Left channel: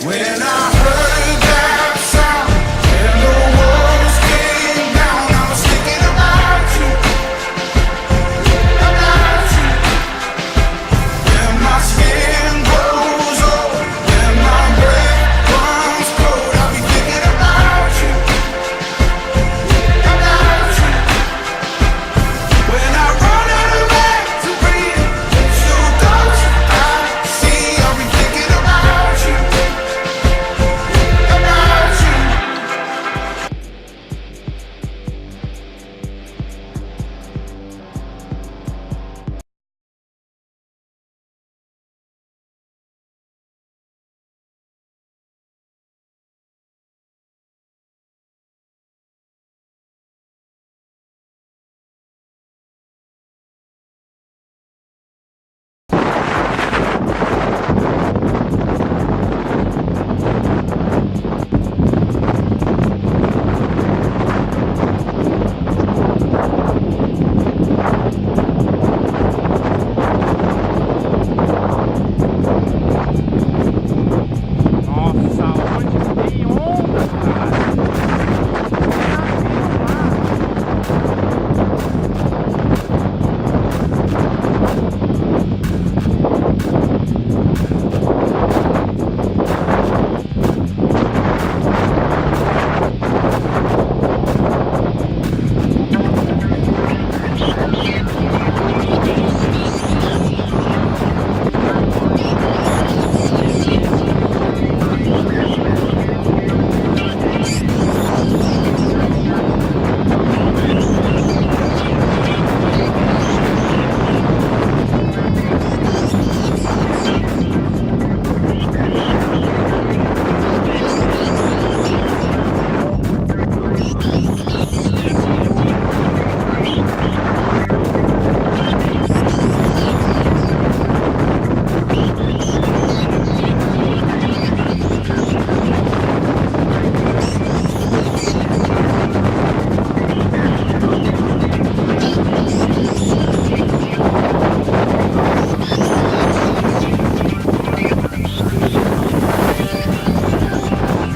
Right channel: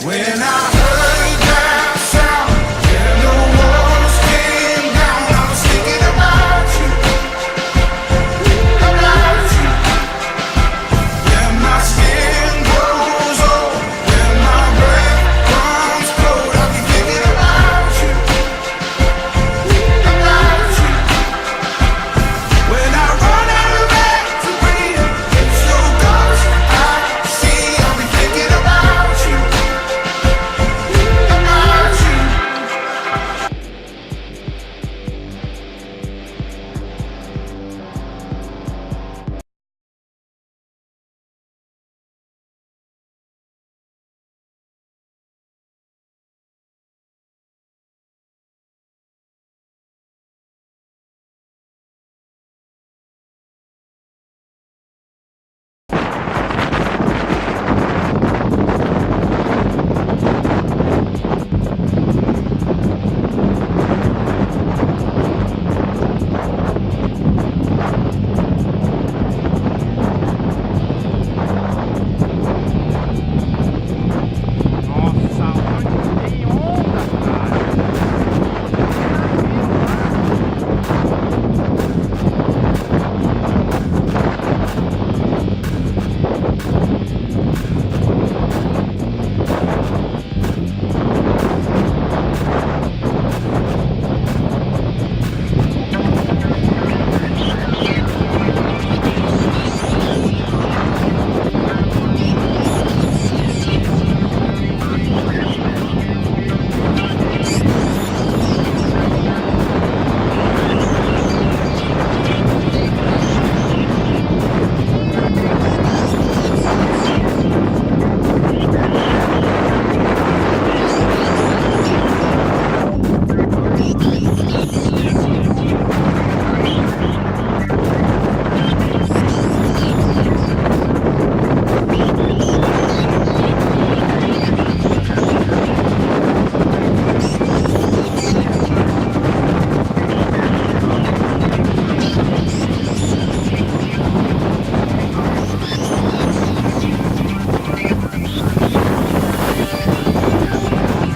When I heard that sound, and the walls came down, I was thinking about you, about you. When my skin grows old, when my breath comes cold, I'll be thinking about you, about you. When I run out of air to breathe, it's your ghost I see, I'll be thinking about you. Nossa, onde que tem onda, cara? Tem navio lá.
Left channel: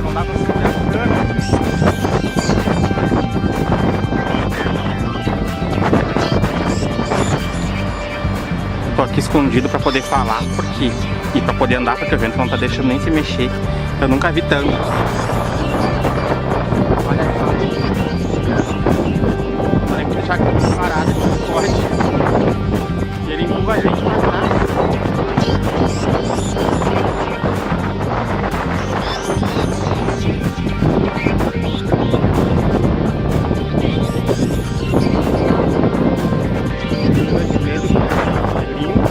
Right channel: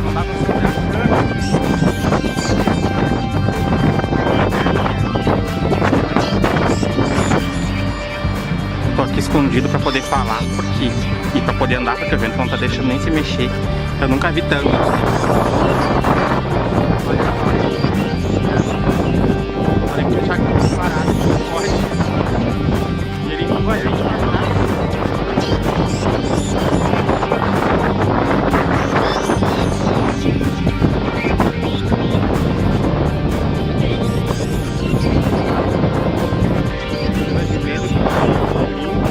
Não dá pra segurar a cana. Tô aqui escondido pra poder falar e pra poder andar, porque o vento não tá deixando nem se mexer. Eu nunca vi tanto. Olha só. Vou ter que deixar a câmera parada, não pode. E ele empurra a gente pra trás. De medo, é lindo.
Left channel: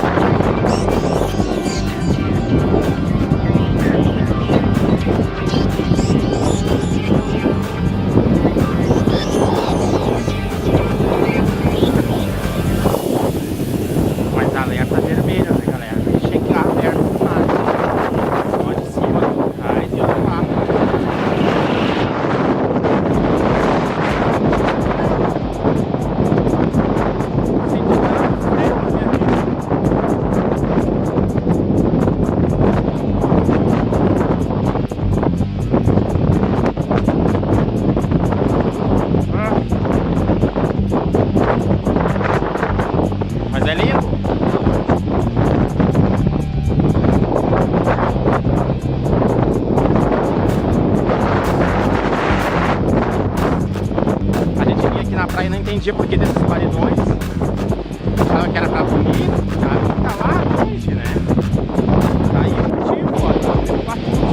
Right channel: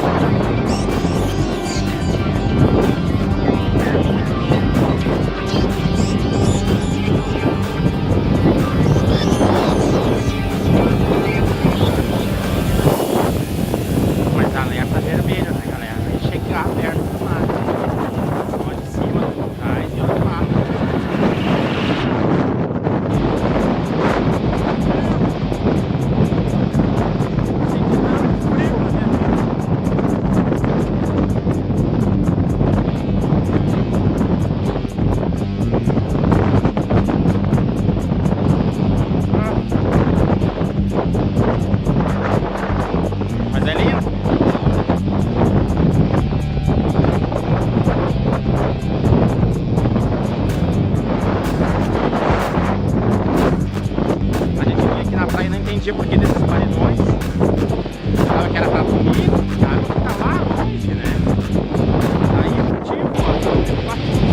Mas alerta vermelho, né, galera? Vai chegar perto do mar. Olha de cima, olha por trás e olha lá. Mas é lindo. A gente vinha aqui na praia e não entendia por que desses paredões. Achava que era pra bonito, a água fica lá longe, né? Tá aí o motivo, ó, tá vendo batuta.